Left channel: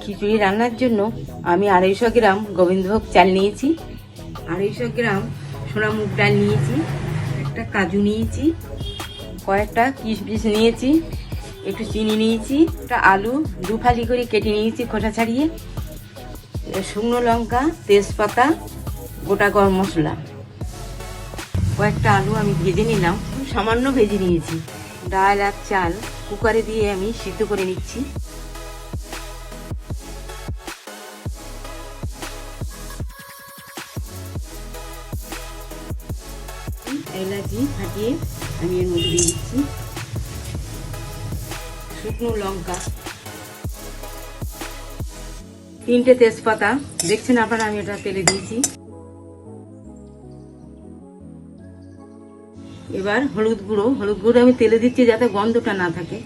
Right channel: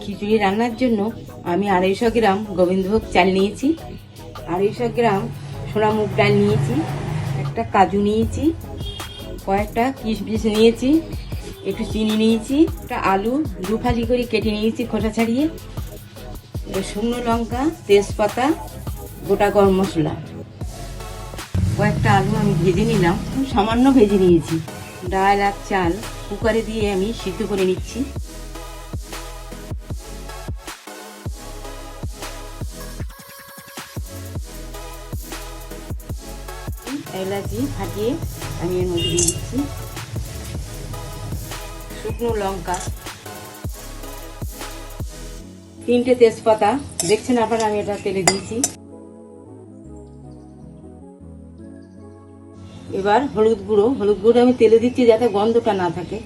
খিচুড়ি রান্নার জন্য আমি 250 গ্রাম গোবিন্দভোগ চাল নিয়েছি, 250 গ্রাম সোনা মুগ ডাল নিয়েছি, একটা কাজু নিয়েছি, কয়েকটা কিশমিশ নিয়েছি, একটু চিনি নিয়েছি, একটা আলু দু ফালি করে কেটে নিয়েছি খোসা ছাড়িয়ে, শুকনো লঙ্কা, তেজপাতা, গোটা গরম মশলা। কয়েকটা আলু আমি ভেজে নিলাম, সামান্য ভেজে নিয়েছি। ডাল আর চাল কুকারে দিয়ে আমি সিদ্ধ করে নিচ্ছি। এলাচি ফাটিয়ে আমি এর মধ্যে দিয়ে দিচ্ছি, শুকনো লঙ্কা, 3টে তেজপাতা, দেখছেন আপনারা আমি এটা তেলে দিয়েছি। এবার হলুদ গুঁড়ো আমি তেলে দিচ্ছি যাতে গন্ধটা না থাকে,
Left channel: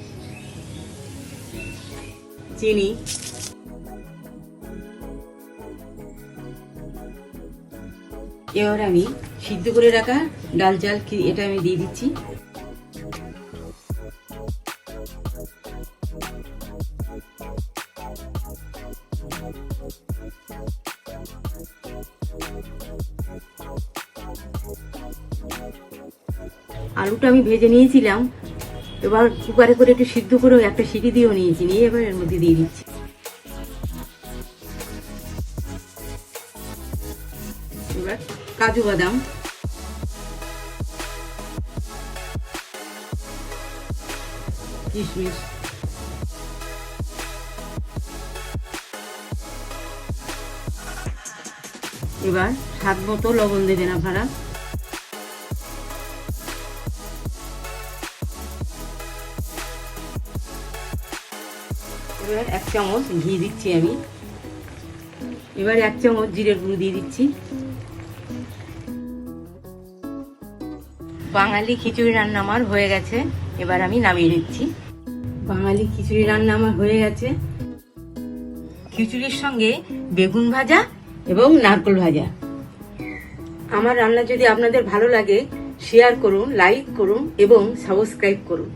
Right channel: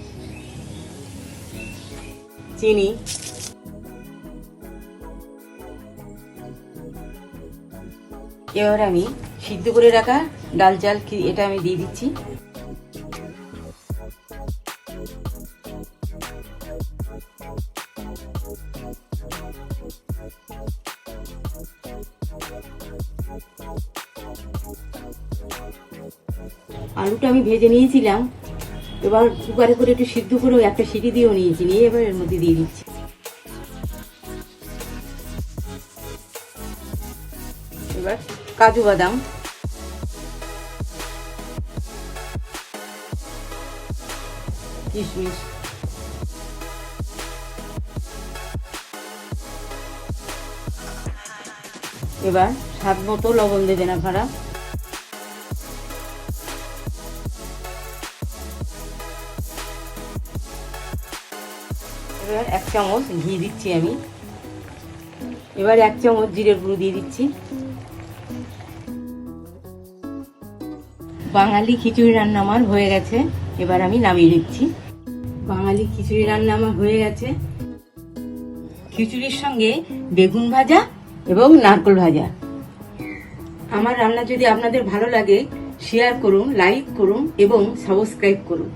চিনি, এবার আমি সিদ্ধ করে রাখা ডাল চাল এটা আমি দিয়ে দিচ্ছি। আলুটা আমি ভেজে নিয়েছিলাম, এবার কুকারে করে একটু সিদ্ধ করে একটা সিটি দিয়েও নিয়েছি, নিয়ে এবার এর মধ্যে দিয়ে দিচ্ছি। এবার কাজু বাদাম, কিশমিশ, এবার স্বাদ মতো লবণ দেবেন আপনারা। এবার 1 চামচ ঘি দিচ্ছি আমি, এবার 1 চামচ জিরের গুঁড়ো দিয়ে দিচ্ছি। বাঙালি খিচুড়ি রান্না আমার হয়ে গেছে, এবার আমি নামিয়ে দিচ্ছি। বাঙালি খিচুড়ি রান্না আমার হয়ে গেছে। খিচুড়ির সঙ্গে বেগুন ভাজা এবং নারকেল ভাজা। আমার রান্না যদি আপনাদের ভালো লাগে শেয়ার করুন, লাইক করুন এবং সাবস্ক্রাইব করুন।